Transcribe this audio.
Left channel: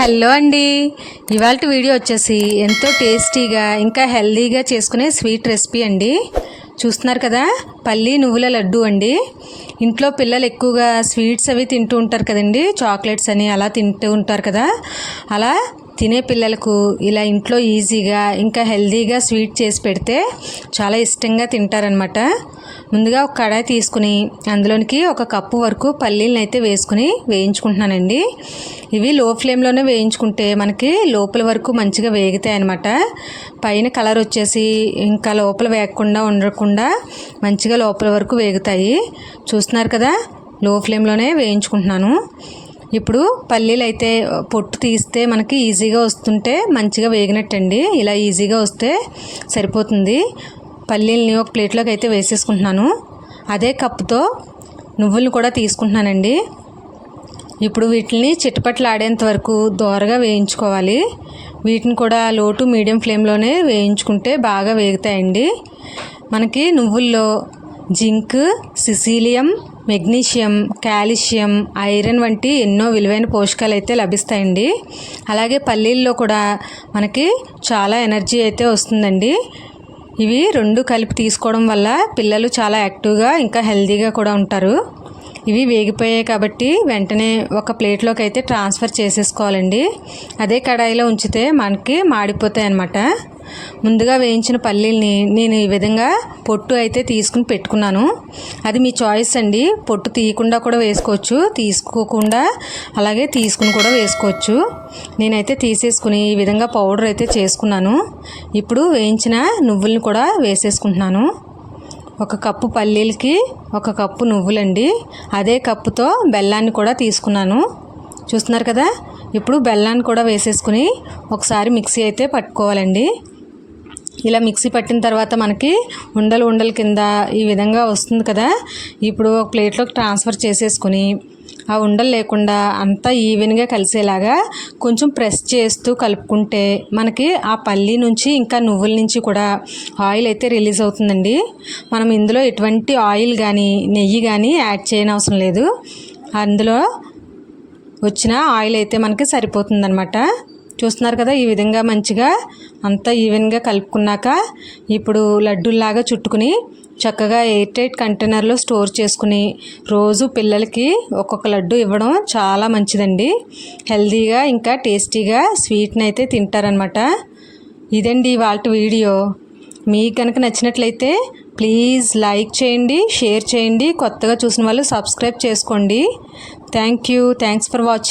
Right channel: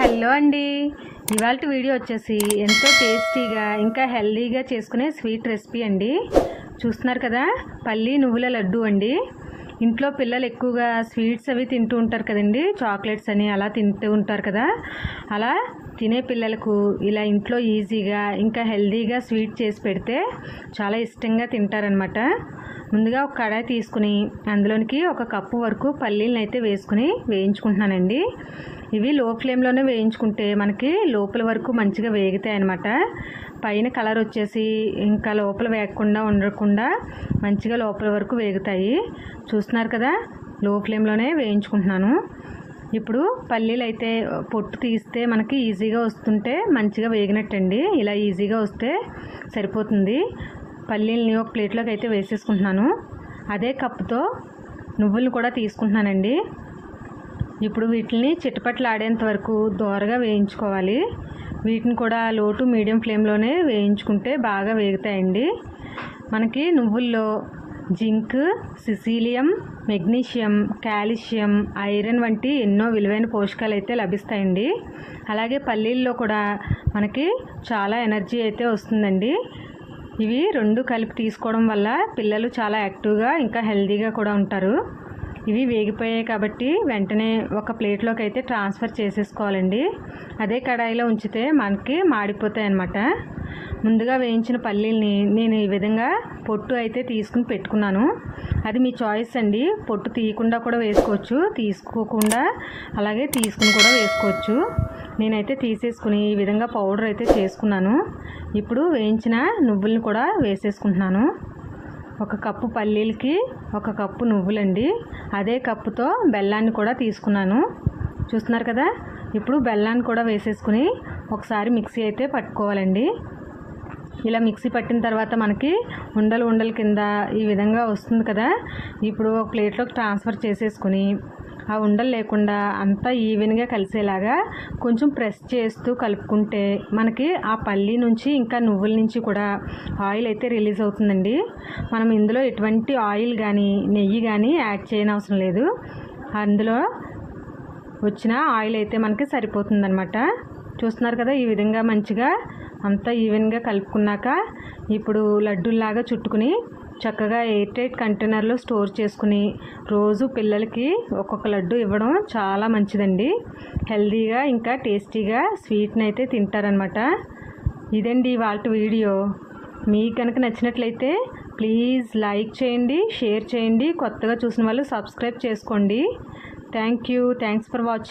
Hello అండి, ఇవాళ video వచ్చేసి ఎంతో టేస్టీగా ఇంకా హెల్దీగా చేసుకునే స్వీట్ రెసిపీ అండి. చూస్తున్నారు కదా, పల్లి నువ్వుల లడ్డు అండి. ఇంట్లో పిల్లలు ఎక్కువగా స్వీట్స్ అవి తింటూ ఉంటారు కదండి, చాక్లెట్స్ అని అలా తింటూ ఉంటారు కదా. అలా తినే పిల్లలకు ఇలా ఇంట్లో ఈజీగా ఇంకా హెల్దీగా స్వీట్ చేసి పెడితే చాలా ఇష్టంగా తింటారనమాట. ముందుగా ఒక కడాయి తీసుకుని అందులోనికి ఒక కప్పు వరకు పల్లీలను అయితే వేసుకుని వేయించుకుంటున్నానండి. ఇవి లో ఫ్లేమ్లోనే వేయించుకుంటే మనకి లోపల వరకు మంచిగా వేగుతాయి అన్నమాట. పైన కలర్ వచ్చేసి ఇంకా లోపల వేగకుండా ఉండకుండా మంచిగా లోపల వరకు వేగుతాయి. చూస్తున్నారు కదా, లో ఫ్లేమ్లోనే వేయించుకుంటున్నాను. ఇప్పుడు పల్లీలు అయితే పొట్టు తీస్తే మనకి ఈజీగా వస్తుంటే మంచిగా వేగినట్టండి. ఇలా ఈజీగా వస్తే సరిపోతుంది. పల్లీలని ఒక ప్లేట్లోకి అయితే వేసేసుకుంటున్నాను. అదే కప్పుతో నువ్వులు కూడా తీసుకుంటున్నానండి. ఇప్పుడు వీటిని చిటపటలాడేంత వరకు దోరగా వేయించుకోవాలి. వీటిని కూడా లో టు మీడియం ఫ్లేమ్లోనే వేయించుకుంటే బాగా వేగుతాయండి. మనకి నువ్వుల్లో జింక్, సిసీలియం, మెగ్నీషియం, కాల్షియం, ఐరన్ వంటి ఎన్నో విలువైన పోషకాలు అయితే లభిస్తాయండి. అలాగే పల్లీల్లో కూడా మనకి చాలా ఎనర్జీ అయితే వస్తుందండి. ఇవి రెండు కలిపి తీసుకోవడం వల్ల పిల్లలు చాలా యాక్టివ్గా ఇంకా హెల్తీగా కూడా ఉంటారు. ఇవి వేగిపోయాయి కాబట్టి వెంటనే ఒక ప్లేట్లోకి అయితే ట్రాన్స్ఫర్ చేసేసుకోవాలండి. అదే కడాయిలో ఉంచితే మనకి మాడిపోతాయి అన్నమాట. ముందుగా వేయించిన పల్లీల్ని నేను ఈ విధంగా పొట్టు అయితే తీసుకుని పెట్టుకున్నాను. అది మీ చాయిస్ అండి. పొట్టు తీయకుండా కూడా వేసుకోవచ్చు, తీసుకోకుండా అలాగే తీసుకుని కూడా వేసుకోవచ్చు. నేనైతే తీసేసుకుని ఈ విధంగా పౌడర్ అయితే చేసుకున్నాను. ఇప్పుడు వేయించిన నువ్వుల్ని కూడా వేసేసుకుంటున్నాను. ఒక కప్పు పల్లీలకి ఒక కప్పు నువ్వులండి. అదే కప్పుతో బెల్లాన్ని కూడా తీసుకున్నాను. చూస్తున్నారు కదా, ఇప్పుడు బెల్లాన్ని కూడా వేసేసుకుని ఒకసారి మిక్సీ అయితే పట్టుకోవాలండి. ఇలా మిక్సీ పట్టిన తర్వాత మనకి ఉండలు కింద ఈ విధంగా వస్తుంది కదా. ఇప్పుడు ఒక ప్లేట్లోకి ట్రాన్స్ఫర్ చేసేసుకుని ఆ ఉండలు లేకుండా అంతా ఈవెన్గా కలిసేలాగా కొంచెం ప్రెస్ చేస్తూ కలుపుకుంటే మనకి ఆ పల్లి నుంచి ఇంకా నువ్వుల నుంచి కూడా ఆయిల్ అయితే రిలీజ్ అవుతుందండి. మనం ఇందులో ఎటువంటి ఆయిల్ కానీ నెయ్యి కానీ యాడ్ చేయని అవసరం లేదు. అందులో వచ్చిన ఆయిల్ అయితే మనకి సరిపోతుందన్నమాట. చూస్తున్నారు కదా, ఈ విధంగా మంచిగా అంతా ఈవెన్గా కలుపుకున్నాక ఇప్పుడు లడ్డూల్లాగా చుట్టుకుని చక్కగా ఎయిర్ టైట్ కంటైనర్లో స్టోర్ చేసుకుని రోజు పిల్లలకి ఒక్కొక్క లడ్డు ఇవ్వడం చాలా మంచిదండి. హెల్తీగా ఇంకా టేస్టీగా స్వీట్ని అయితే తింటారనమాట. ఇదండి ఇవాళ వీడియో. మీకు కనుక నచ్చినట్లయితే ప్లీజ్ లైక్ చేయండి, షేర్ చేయండి. కొత్తగా చూసిన వాళ్ళు సబ్స్క్రైబ్ చేసుకోండి. Thanks for watching.